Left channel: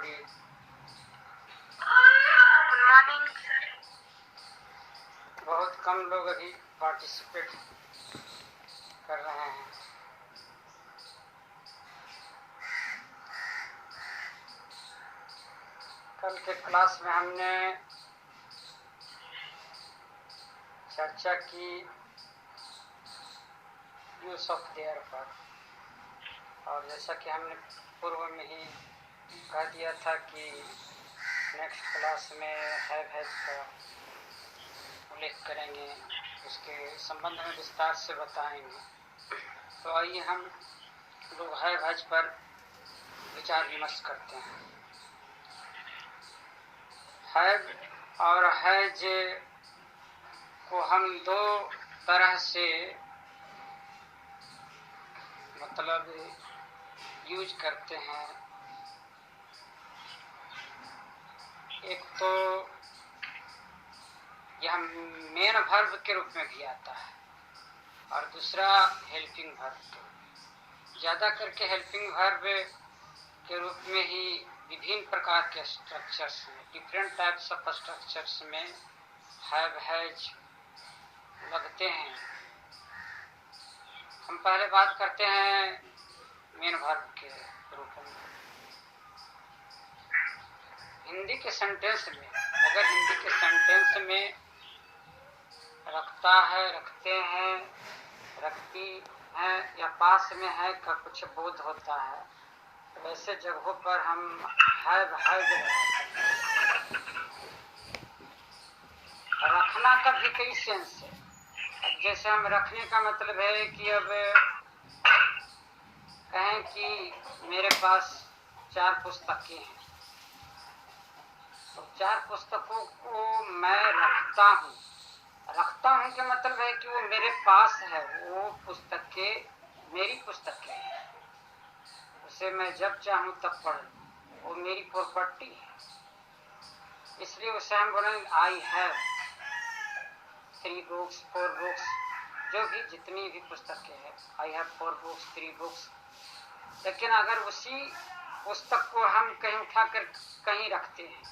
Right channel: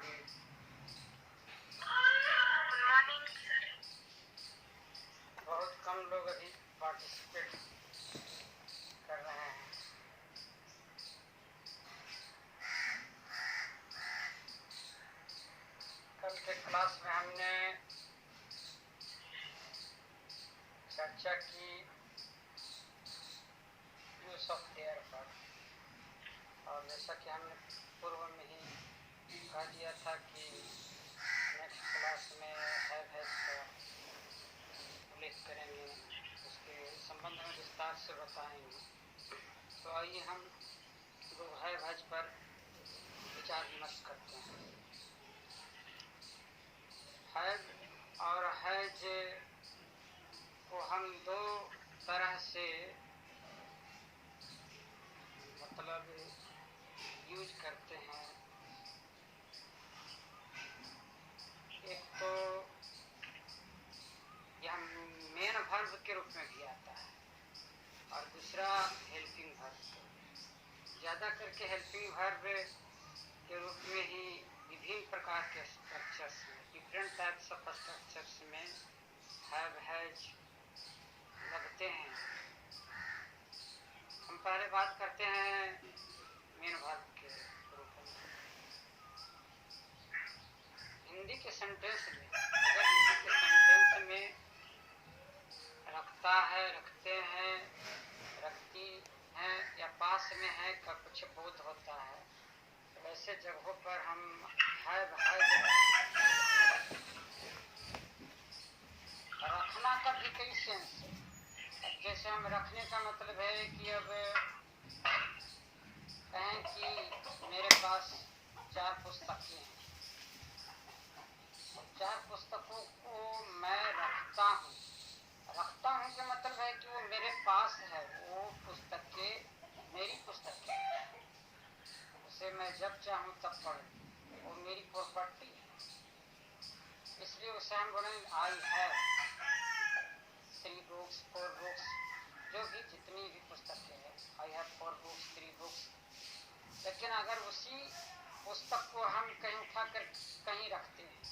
everybody. Good morning sir. बहुत कम लोग अभी पार्टिसिपेट कर रहे हैं। कल के क्लास में हमने चर्चा की यूज ऑफ देयर पर, और जैसा कि हमने पूर्व में ही कह दिया था कि नेक्स्ट क्लास में हैव हैज का उल्लेख करेंगे, उसके संबंध में विस्तार से बताएंगे। तो आइए हम लोग हैव हैज पर विचार विमर्श करते हैं। हैव और हैज को हम दो तरह से मतलब यूज करते हैं। एक तो यह मेन वर्ब के रूप में भी आता है और दूसरा हेल्पिंग वर्ब। ज़्यादा करके हेल्पिंग वर्ब के रूप में ही विभिन्न प्रकार के स्ट्रक्चर्स में, डिफरेंट टाइप्स ऑफ स्ट्रक्चर्स में हैव हैज लगते हैं। हम पहले बात करते हैं मेन वर्ब के रूप में। हिंदी के सेंटेंस में, अगर हिंदी के सेंटेंस में रखता है, रखते हैं, रखती हैं या पास में है का कुछ बोध होता है, तो ऐसे जगहों पर हम हैव हैज रखना का भी कई सेंस है। अब जैसे हम रखने का मतलब है कि अब कहें कि मेरे पास 4 पुस्तकें हैं, तो 4 पुस्तकों को मैं रखता हूँ। रखता हूँ का मतलब है कि वो मेरे पास है, वो पुस्तकें मेरी पुस्तकें हैं, उसे मैं जब चाहूँ तब पढ़ लूँ, वो मेरी प्रॉपर्टी है। इसलिए उसे हम बोलेंगे आई हैव 3 बुक्स 4 बुक्स, जो भी जितनी भी पुस्तकें हैं, आई हैव 4 बुक्स 3 बुक्स। लेकिन अगर उसी पुस्तक को हम कहीं उठा कर कहीं रखते हैं,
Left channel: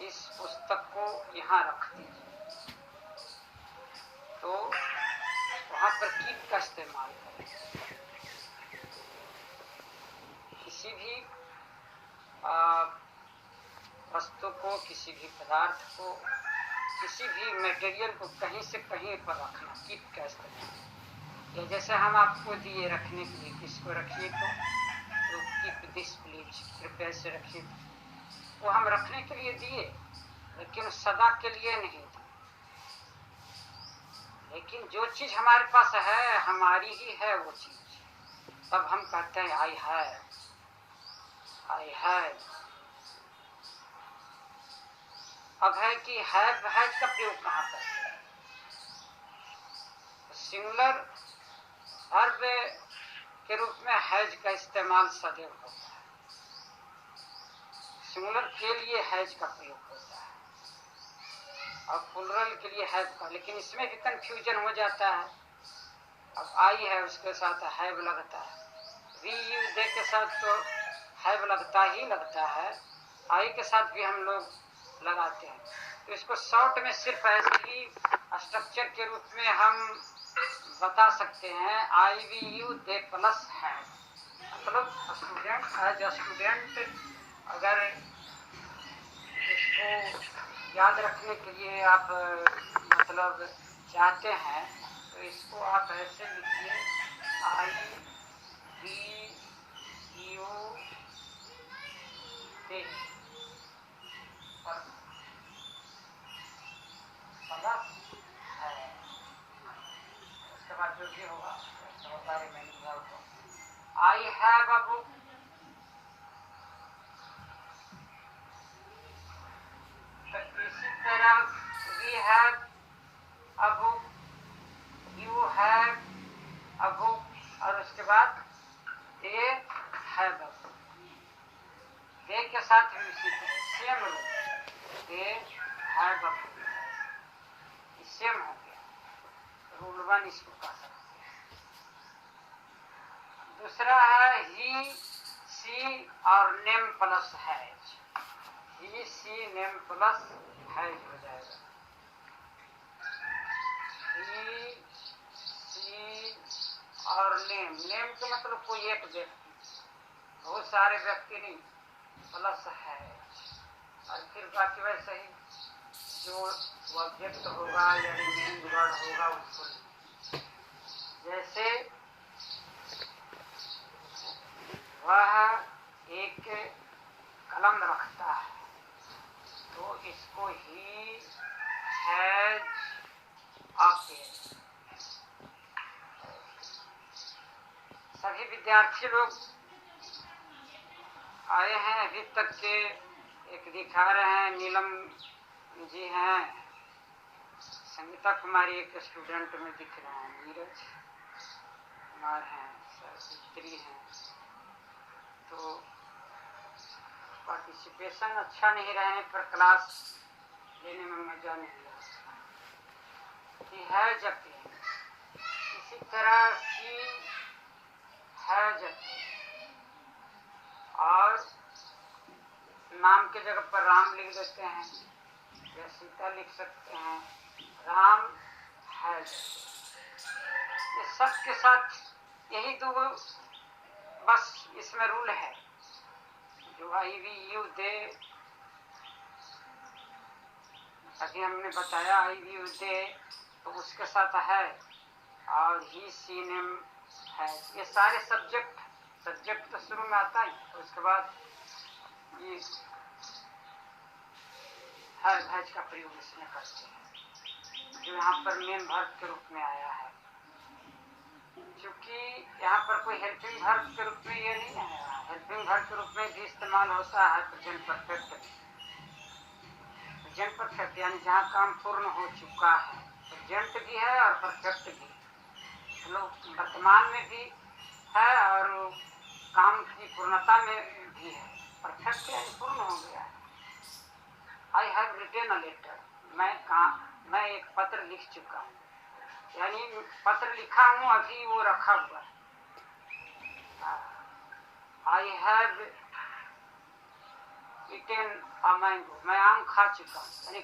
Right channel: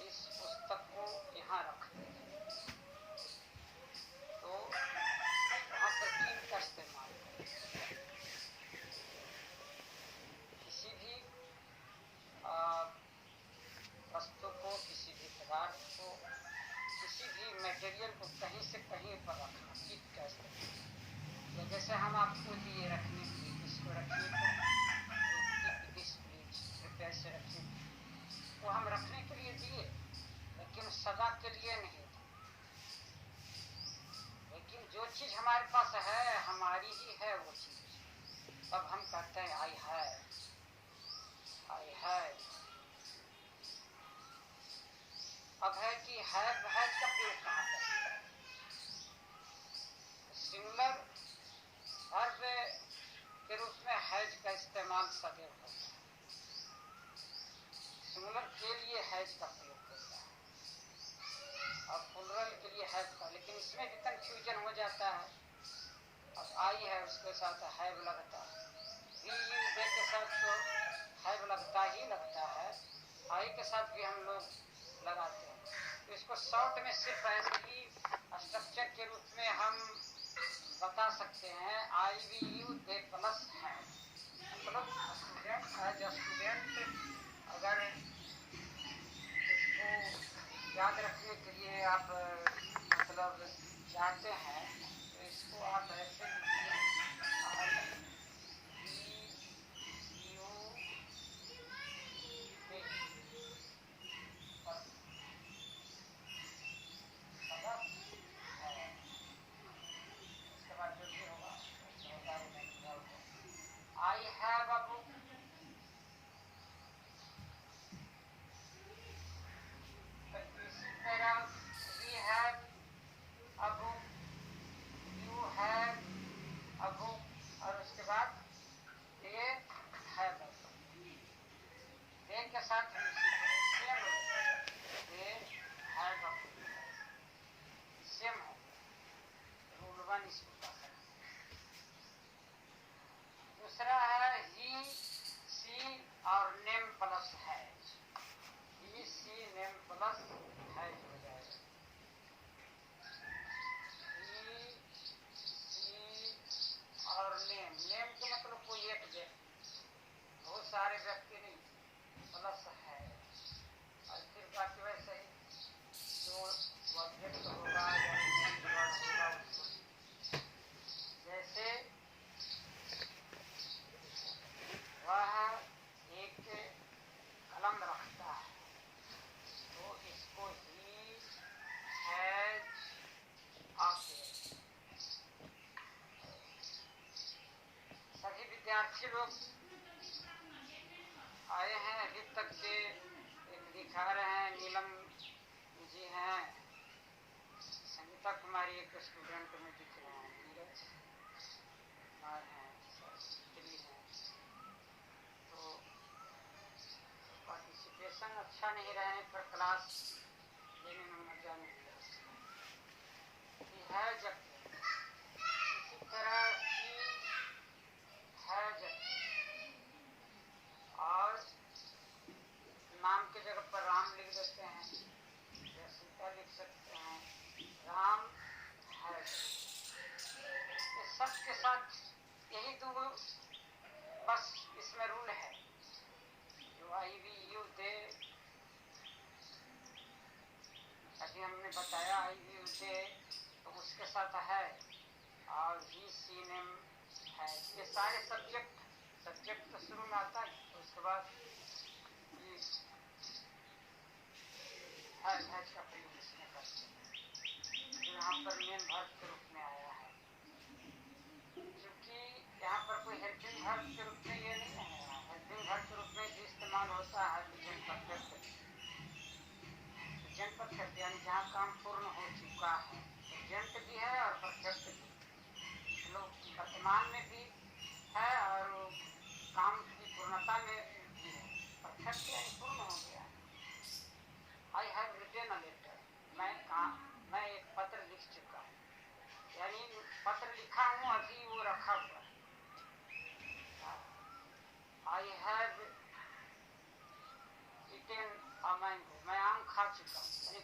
इस पुस्तक को यहाँ रखते हैं, तो वहाँ पर कीप का इस्तेमाल करें। किसी भी वस्तु को, किसी भी पदार्थ को, किसी भी मटेरियल को कहीं से कहीं पर रखना, कीप का इस्तेमाल। या जैसे हम आपको दिए रखने के लिए, किसको रखिए तो कीप दिस प्लीज, कृपया से रखिए। वो हम रखने के लिए दिए, लेकिन सदा के लिए नहीं दिए। लेकिन जो चीज़ हमारे पास है, हमारी ही है वो चीज़, तब हम कहते हैं आई हैव, आई हैव। अब है कि हैव हैज का प्रयोग कहाँ पर है? सिंगुलर वर्ब के रूप में हैज का इस्तेमाल सदैव होता है, सिंगुलर के लिए हैज का प्रयोग होता है और प्लुरल के लिए हैव का। लेकिन इसमें भी कंफ्यूजन हो जाता है। अब आई है, उसके साथ हैव लगता है, वी यू दे के साथ तो हैव लगता ही लगता है, आई के साथ भी हम लोग लगाते हैं। तो इसको शॉर्ट में सिर्फ ऐसे ही स्ट्रक्चर के रूप में हम बता सकते हैं, आई वी यू दे प्लस है। मतलब स्टूडेंट एज अ स्टूडेंट, अगर इसको याद रखने के लिए आप मतलब चाहते हैं, तो इसको आप ऐसे लिखिए, आई वी यू दे प्लस है। उसके बाद जो भी होगा होता है मीनिंग होगा। आई हैव अ बुक, इसी तरह we have a book, you have a book, और उसके बाद दे हैव अ बुक। दे के साथ भी इसी तरह same rule, they have a book, same हो गया। रूल 1 इसको कह सकते हैं। दूसरा है ही सी और नेम प्लस है। नेम प्लस हैज हो जाएगा। ही, सी और नेम। नेम का मतलब कोई एक व्यक्ति, बहुत सारे व्यक्ति नहीं, प्लस है। और फिर बाकी वैसे ही जो ऑब्जेक्ट होगा यानी मेन वर्ड होगा उसको, जैसे वह एक कलम रखता है तो इसको ही हैज अ पेन। सभी विद्यार्थी लोग आए हैं अभी तक के, एक दिखा रहे हैं नीलम जी हैं, संगीता कुमारी एक स्टूडेंट में दिख रहे हैं, नीरज कुमार हैं, स्त्री हैं। तो पार्टिसिपेशन अच्छा नहीं रहने पर क्लास लेने में मजा नहीं आता। ही हैज अ पेन, इसी तरह शी हैज अ पेन, और नाम के जगह पर राम लिख देते हैं या सीता लिख सकते हैं, राम हैज। ये सब के साथ यही दो बस इसमें रूल है, जो आई वी यू दे अभी हमने बताया, आई वी यू दे तो उसके साथ है, और ही सी नेम है। ये सारे सब्जेक्ट तो शुरू में आता है, और उसके बाद ये हैज का प्रयोग इसमें करते हैं, जो यहाँ पर मेन वर्ब के रूप में आया है। क्योंकि यहाँ पर कोई हेल्पिंग वर्ब के रूप में ये नहीं आया, हेल्पिंग वर्ब के रूप में भी इस्तेमाल होता है प्रेजेंट परफेक्ट। प्रेजेंट परफेक्ट यानी जहाँ काम पूर्ण हो चुका है, प्रेजेंट भी है और परफेक्ट भी, मतलब वर्तमान में भी है और काम की पूर्णता में भी है। परफेक्ट यानी पूर्ण हो गया है। I have written a letter, मैं एक पत्र लिख चुका हूँ, यानी पत्र लिखा हूँ, अभी वो रखा हुआ है। I have eaten a mango, मैं आम खा चुका हूँ, यानी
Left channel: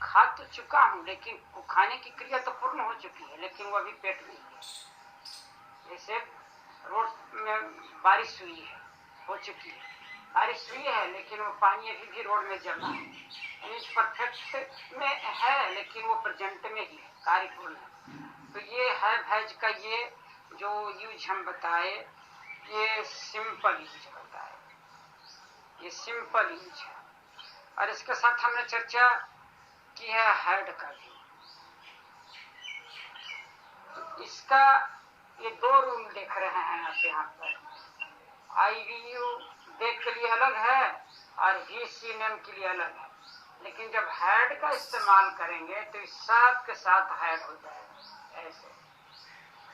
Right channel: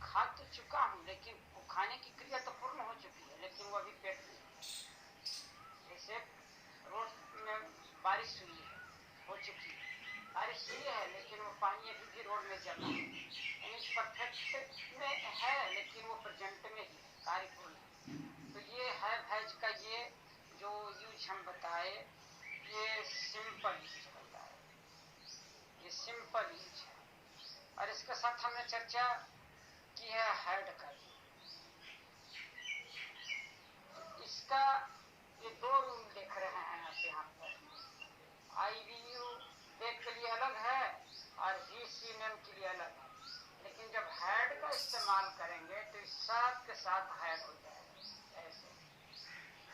खा तो चुका हूँ, लेकिन खाने की क्रिया तो पूर्ण हो चुकी है, लेकिन वो अभी पेट में है। जैसे रोड में बारिश हुई है, हो चुकी है, बारिश हुई है लेकिन वो पानी अभी भी रोड में जमा है, यानी परफेक्ट में है लेकिन वो प्रेजेंट में ही है, कार्य पूर्ण है। तो ये हैज का ये जो यूज हम बताए, ये सिंपल यूज बताए, ये सिंपल यूज है। और इसके साथ हमने चर्चा की है हैड का भी। तो इसका ये दो रूल देख रहे हैं आप यहाँ पर, आई वी यू दे के लिए अलग है और ही सी नेम के लिए अलग है, लेकिन जब हैड का इस्तेमाल करेंगे तो इस सब के साथ हैड हो जाएगा। ऐसे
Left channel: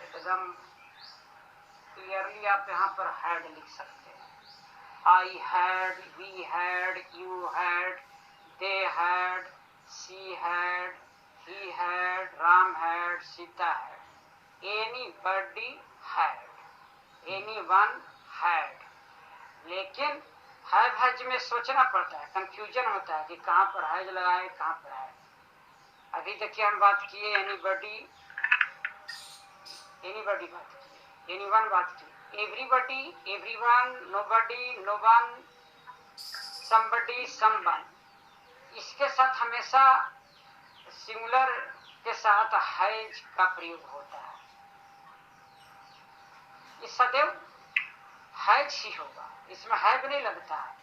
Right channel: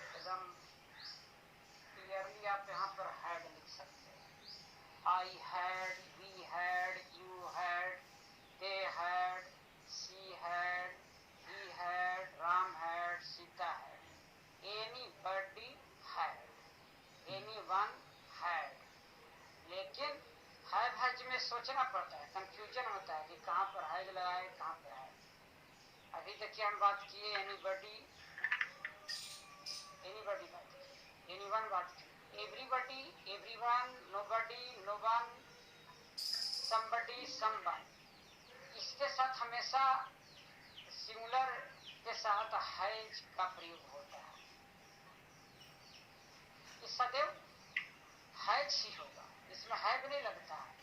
एकदम क्लियरली आप यहाँ पर हैड लिख सकते हैं। I had, we had, you had, they had, she had, he had, Ram had, Sita had, anybody had, anyone had. लेकिन हैज में सोचना पड़ता है, कंफ्यूजन होता है कि कहाँ पर हैज लगाए, कहाँ पर है। अभी देखिए हम बात किए एनीबॉडी बात की, एनीवन बात की, everybody, everyone, nobody, known, somebody, someone. इसके साथ हमेशा सिंगुलर के साथ हैज का प्रयोग होता है। ये सदैव हैज ही होगा, इसमें हैव नहीं लगता है,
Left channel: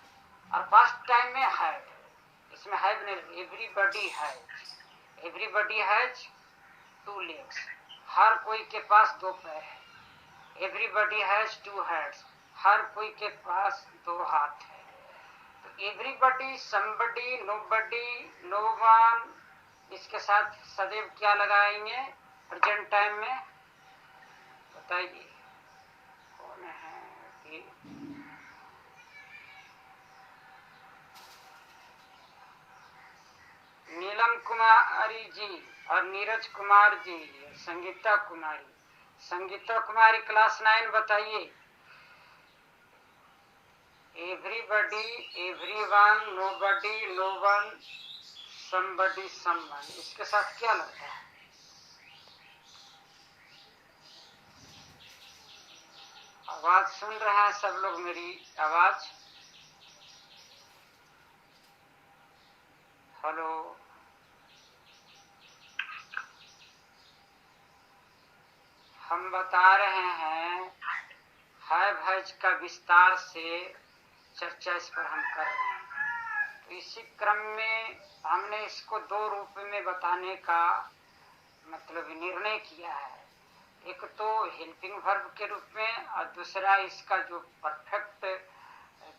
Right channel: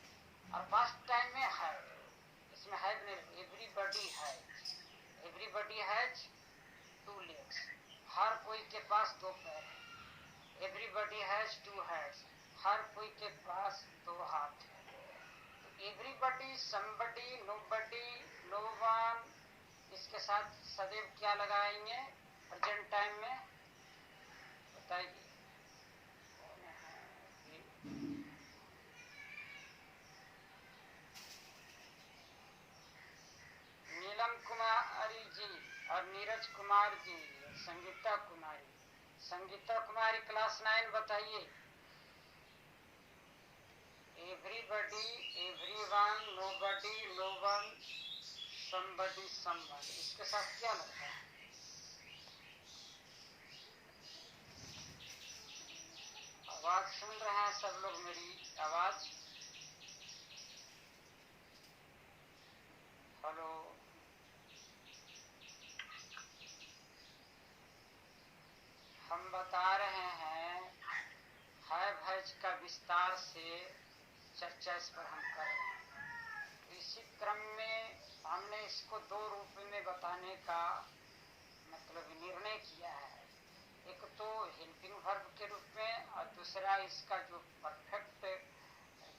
और पास्ट टाइम में हैव, इसमें हैव नहीं लगता। Everybody has, everybody has two legs, हर कोई के पास दो पैर है। एवरीबॉडी हैज टू हैंड्स, हर कोई के पास दो हाथ है। तो एवरीबॉडी, समबडी, नोबडी, नोवन, इसके साथ सदैव क्या लगाएंगे प्रेजेंट टाइम में, बताइए कौन है? नीलम कुमारी जी और नीरज कुमार जी, संगीता कुमारी। संगीता कुमारी क्लास 9, बताइए everybody, everyone, nobody, no one, somebody, someone, इसके साथ क्या लगता है? आवाज सुन रहे हैं सब लोग मेरी आवाज? हेलो, हम बता रहे हैं हैव हैज का विस्तार से चर्चा इस पर हम कर रहे हैं। तो इसी क्रम में हमने इसको दो रूप में बताने का मतलब निर्णय किया है। एक तो हेल्पिंग वर्ब के रूप में और दूसरा इसका जो परफेक्ट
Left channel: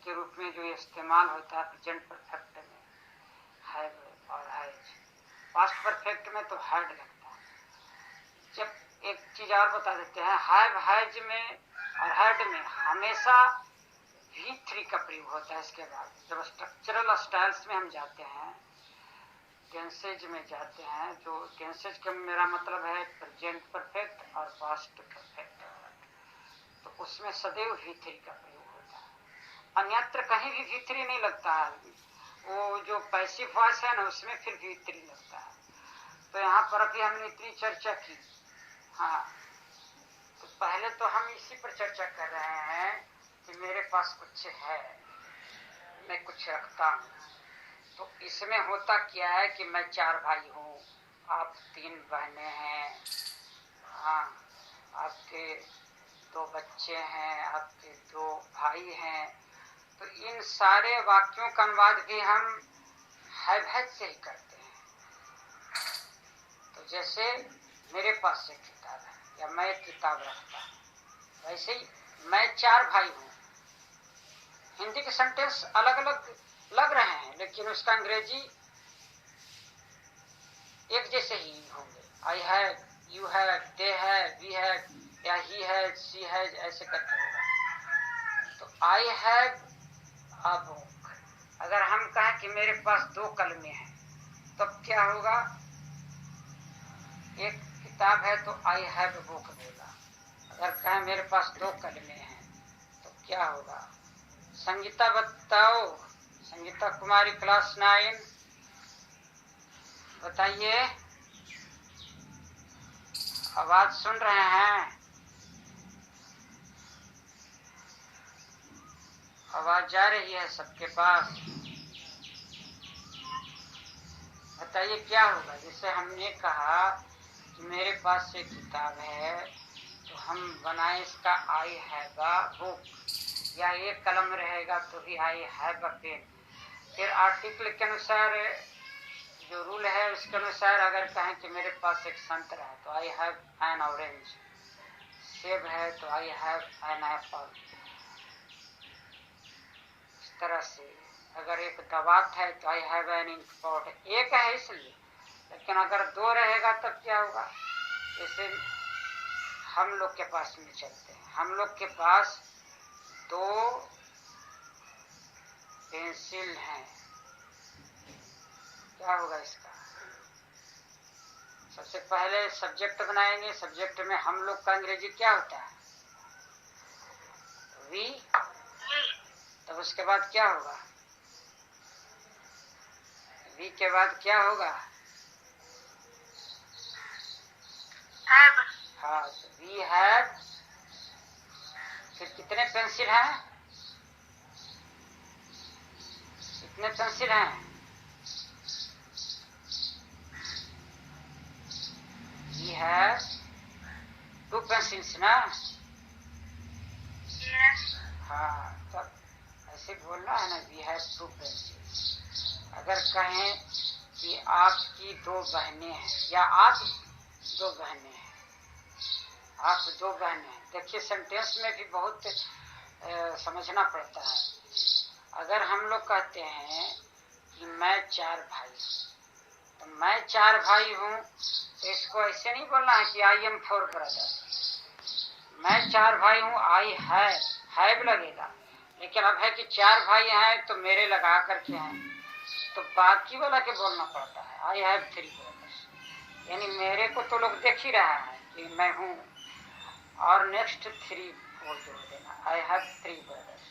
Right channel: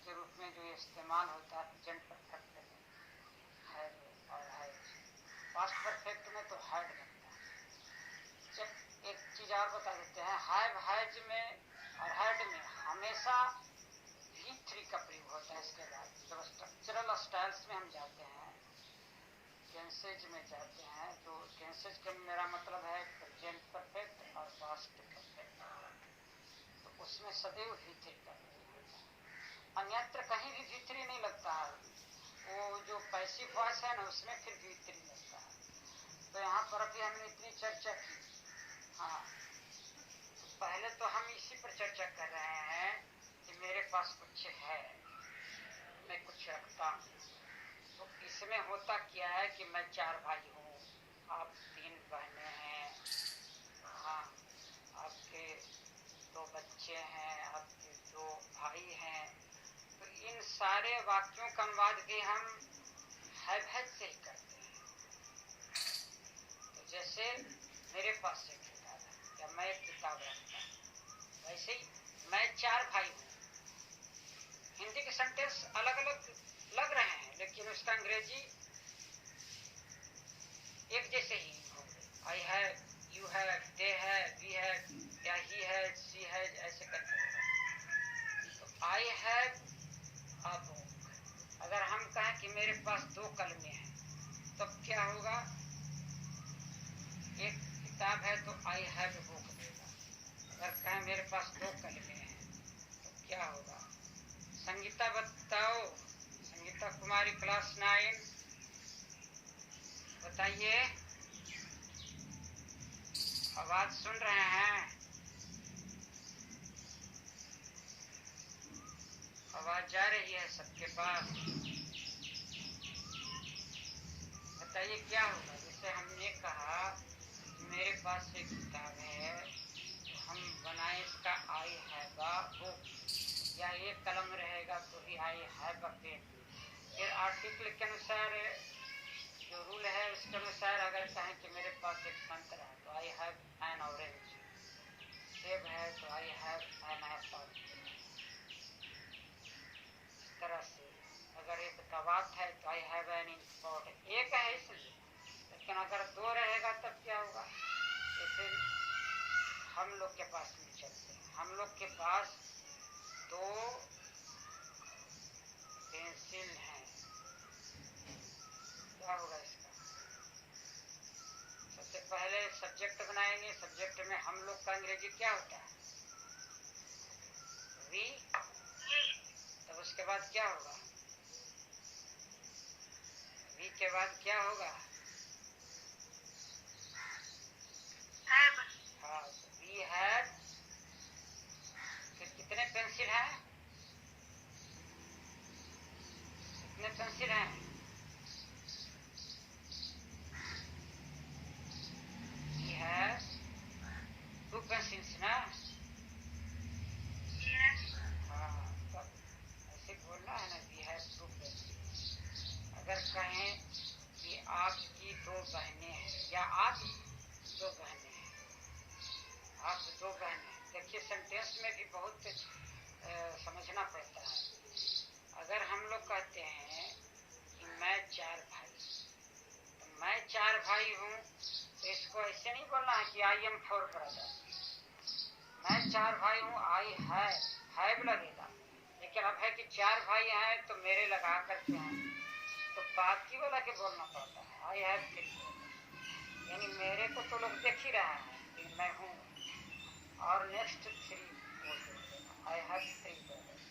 के रूप में जो इस्तेमाल होता है प्रेजेंट परफेक्ट में, हैव और हैज। पास्ट परफेक्ट में तो हैड लगता है। जब एक चीज और बता देते हैं, हैव हैज में और हैड में हमेशा V3 का प्रयोग होता है। इसके बाद जब स्ट्रक्चरल स्टाइल्स में हम जाते हैं, टेंसेज में जाते हैं, जो टेंसेज का मेरा मतलब है प्रेजेंट परफेक्ट और पास्ट परफेक्ट, तो उसमें सदैव V3 का प्रयोग होता है। अन्यत्र कहीं भी V3 नहीं लगता है। वो जो पैसिव वॉइस है ना, उसमें फिर V3 लगता है। तो यहाँ पर अभी हमने इतनी चर्चा की। हाँ, तो पहले तो हम इसी पर चर्चा कर रहे हैं कि मेरे पास कुछ है, मैं कुछ रखता हूँ। तो इसमें होता क्या है कि मैं 4 भाई हूँ, आप 3 बहनें हैं, हाँ, आपके 2 बच्चे हैं, आपके 2 भाई हैं। तो इन सारे वाक्यों का अनुवाद भी हम हैव हैज से ही करते हैं। तो जैसे मेरे पास एक किताब है या मैं एक किताब रखता हूँ, वैसे ही मैं 4 भाई हूँ। हिंदी के सेंटेंस अलग अलग लग रहे हैं, लेकिन उसका अंग्रेजी एक जैसे ही होंगे। I have, you have, they have, we have या ही हैज, शी हैज, ऐसे करके होगा। तो आई हैव अ बुक, अगर हम कहें कि मेरे पास 2 कलमें हैं, तब क्या होगा? एक किताब है तो आई हैव अ बुक देगा। अगर कहें मेरे पास 2 कलमें हैं, तो क्या होगा? संगीता बताओ, संगीता कुमारी क्लास 9, बताइए, आवाज सुन रहे हैं? आवाज जा रही है सबके पास? बताइए क्या होगा? जैसे हमने कहा कि मेरे पास एक किताब है, तो हम बनाए इसका आई हैव अ बुक, या एक कलम रहेगा तो भी आई हैव अ पेन। फिर आर्टिकल के अनुसार जो रूल है उसके अनुसार अगर कहें कि मेरे पास एक संतरा है तो आई हैव एन ऑरेंज, सेब है तो आई हैव एन एप्पल। इस तरह से अगर एक दवात है तो I have an ink pot. एक है इसलिए, लेकिन अगर 2 रहेगा तब क्या होगा? जैसे हम लोग के पास में चलते हैं, हम लोग के पास 2 पेंसिल हैं, क्या होगा इसका? सबसे पहले सब्जेक्ट बनाएंगे। सब्जेक्ट में हम लोग का अंग्रेजी क्या होता है? वी। तब उसके बाद क्या होगा? वी के बाद क्या होगा? हैव। हाँ, तो वी हैव। फिर कितने पेंसिल हैं? कितने पेंसिल हैं? वी हैव 2 पेंसिल्स ना? Yes. हाँ, तब ऐसे बोलना है ना, वी हैव 2 पेंसिल्स। अगर कहें कि आपकी 2 बहनें हैं या आप 2 बहनें हैं, आप 2 बहनें हैं, देखिए सेंटेंस में भी बहुत समझना पड़ता है। अगर हम लोग कहते हैं कि मैं 4 भाई, तो मैं 4 भाई हूँ, तो इसको ऐसे नहीं बोलना है कि आई एम 4 ब्रदर। मैं 4 भाई हूँ, आई हैव लगेगा। लेकिन अब है कि 4 भाई हैं तो मेरे लगा करके हैं, तो बाकी वाला के बोलना पड़ता है आई हैव 3 ब्रदर्स। यानी मेरे को तो लोग देख ही रहा है कि मैं हूँ, और नेक्स्ट 3 वो जोड़ देना, आई हैव 3 ब्रदर्स।